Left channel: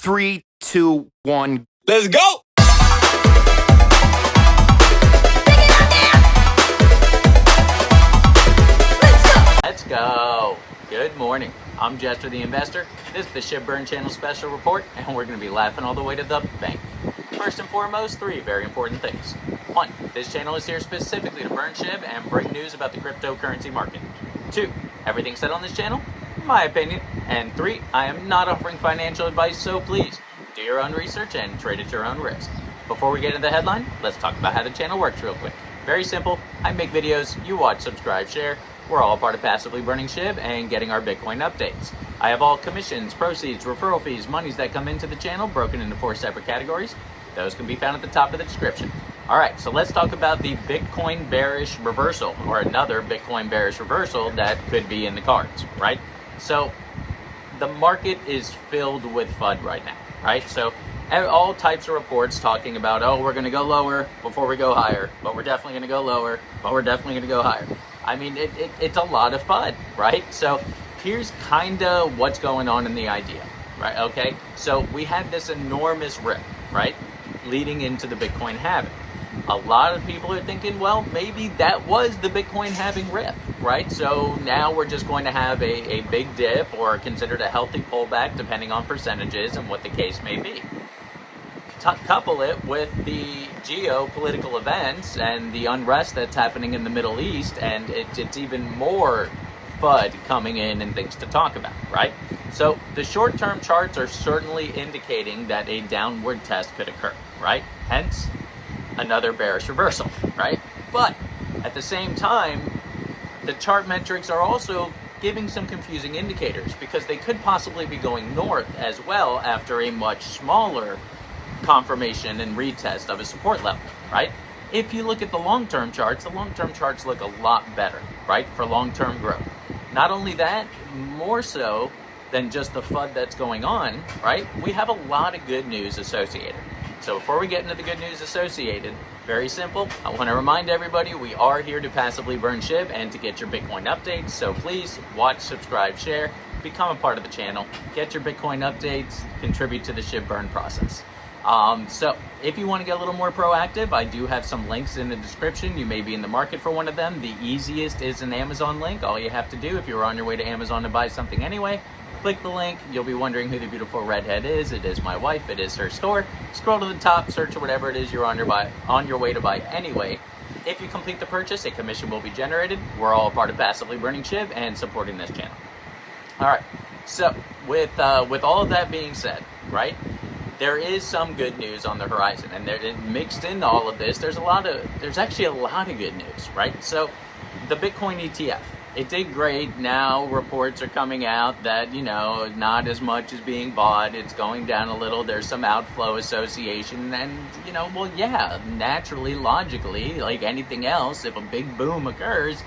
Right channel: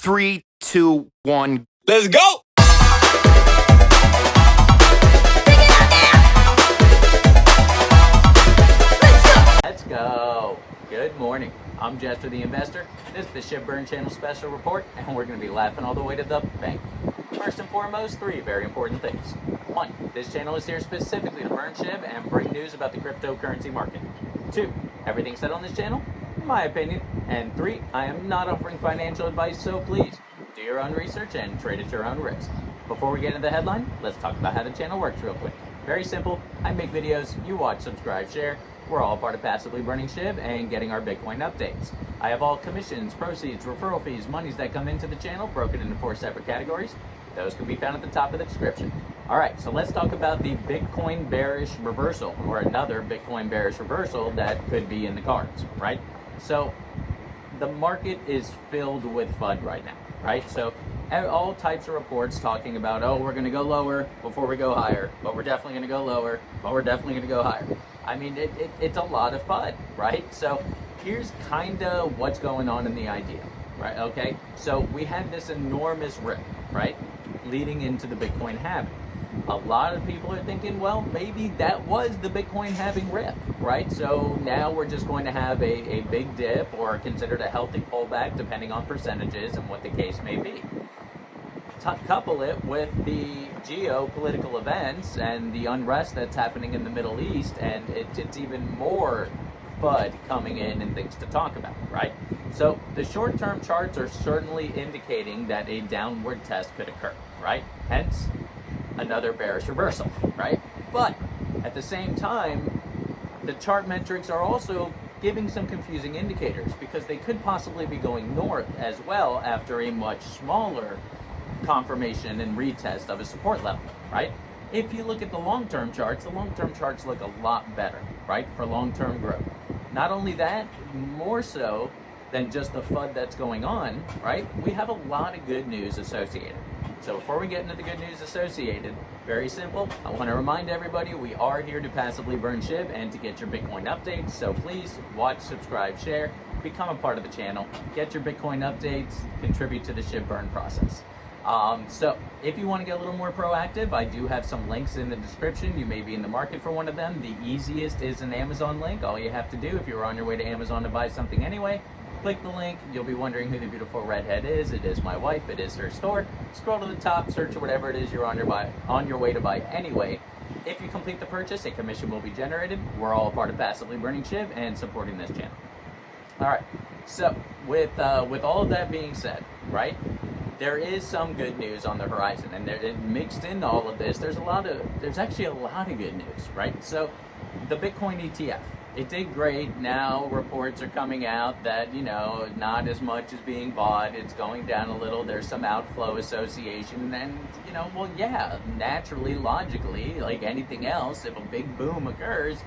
3, 2, 1. Let's go! Let's go. Good morning. I'm Jester the Investor. This is the Shibarium channel special report, and we're going to be laughing all the way to the bank. First and foremost, 3 very important things. 1, this channel is here specifically to burn Shib and bring news about the cryptocurrency market. 2, everything said on this channel, in my opinion. And 3, I am not offering financial advice, so please do your own research and trade at your own risk. Before we get into the headline, let's talk about how the channel works real quick. Very simple. I make videos, you watch, subscribe, share. We're all part of passively burning Shib and getting our Bitcoin updates. I have all commissions, proceeds, referral fees, monies that come into the channel broken into 4 separate categories. Those can be found at the top of the description. All right, so let's talk about the Bitcoin bearish reversal, or another Bitcoin bearish reversal that could be in the cards, right? So the market is filled with FUD right now, right? So all types of reports talking about, oh, we're going to go lower before we go higher, but we're definitely going to go lower, but we're definitely going to go higher. I mean, it's a lot of FUD, right? So here's kind of what's going on in the idea, right? Okay, so we had this enormous rip, right, leading into the Bitcoin halving. A lot of people are thinking, well, maybe that was the Bitcoin halving rip, right? So now we're just going to have a big dip, or considered a healthy pullback, depending on percentages and what the case may be. Couple it with the geopolitical events and the unrest that's happening in the Middle East, and it's even more FUD coming in and things to talk about, right? So the short-term charts are certainly indicating that a downward test could occur, right? Hence, another bearish reversal, right? But at the same time, the chart metrics are also giving some confusing indicators, because they could possibly be going north as well after a much smaller confirmation and retest of a support level, right? If you look at the long-term charts, the long-term charts look a lot better, right, for long-term growth. Not only that, more so than just the FUD that's going on, right, we have a lot of good news associated. So before we get into the good news associated, very simple, I want to remind everybody we are here to passively burn Shib and to get your Bitcoin updates. So please watch, subscribe, share, become a part of the channel, get your Bitcoin updates, contribute to the Shib burn process. So if you want to get a little more proactive, I do have some links in the description. You may be in the market for one of them. The easiest is an Amazon link. All you have to do, if you're on your way to Amazon to buy something anyway, click the link. You'll be wondering who the beautiful redhead is. It is my wife. It is her store. Scroll to the top, search for whatever it is you're on your way to buy anyway. If you complete the purchase, a commission will be generated. We're all part of passively burning Shib and supporting this channel. All right. So with all of that being said, right, there is some good news on the horizon, and mixed in all of this, there's actually a lot of good news, right? So the Bitcoin ETF, it did great. Now reports are coming out that, you know, not as much is being bought. It's going down a little. There's some outflow association, and, you know, well, yeah, naturally, logically, like anything else, if a big boom occurs,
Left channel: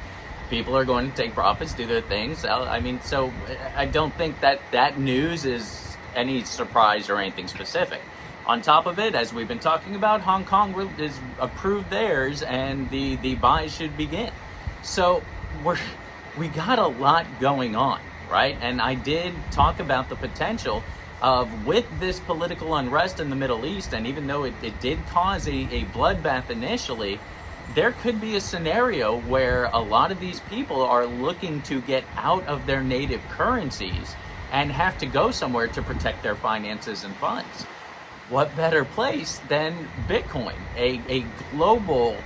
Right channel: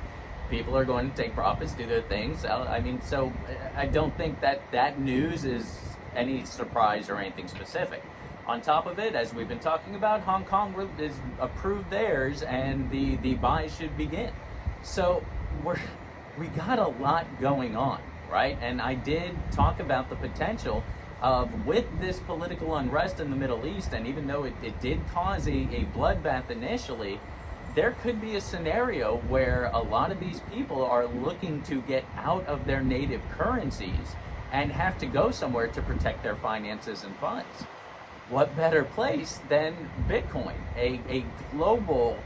people are going to take profits, do their things. I mean, so I don't think that news is any surprise or anything specific. On top of it, as we've been talking about, Hong Kong has approved theirs, and the buys should begin. So we got a lot going on, right? And I did talk about the potential of, with this political unrest in the Middle East, and even though it did cause a bloodbath initially, there could be a scenario where a lot of these people are looking to get out of their native currencies and have to go somewhere to protect their finances and funds. What better place than Bitcoin, a global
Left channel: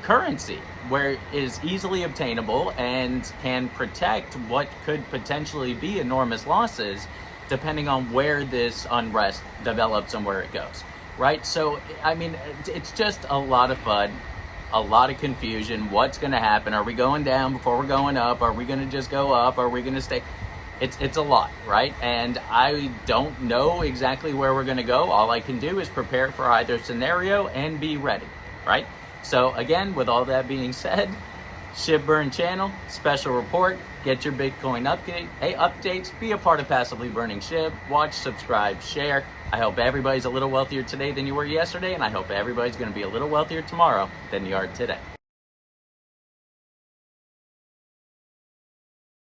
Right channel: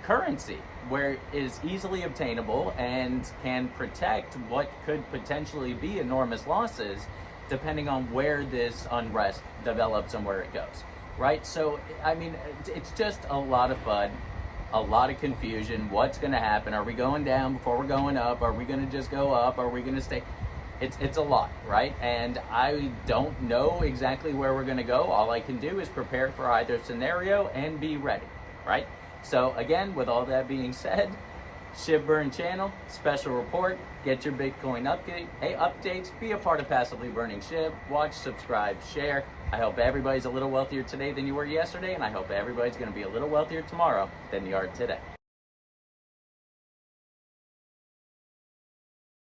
currency where it is easily obtainable and can protect what could potentially be enormous losses depending on where this unrest develops and where it goes, right? So, I mean, it's just a lot of FUD, a lot of confusion. What's going to happen? Are we going down before we're going up? Are we going to just go up? Are we going to stay? It's a lot, right? And I don't know exactly where we're going to go. All I can do is prepare for either scenario and be ready, right? So again, with all that being said, Shibarium channel, special report, get your Bitcoin updates, be a part of passively burning Shib, watch, subscribe, share. I hope everybody's a little wealthier today than you were yesterday, and I hope everybody's going to be a little wealthier tomorrow than you are today.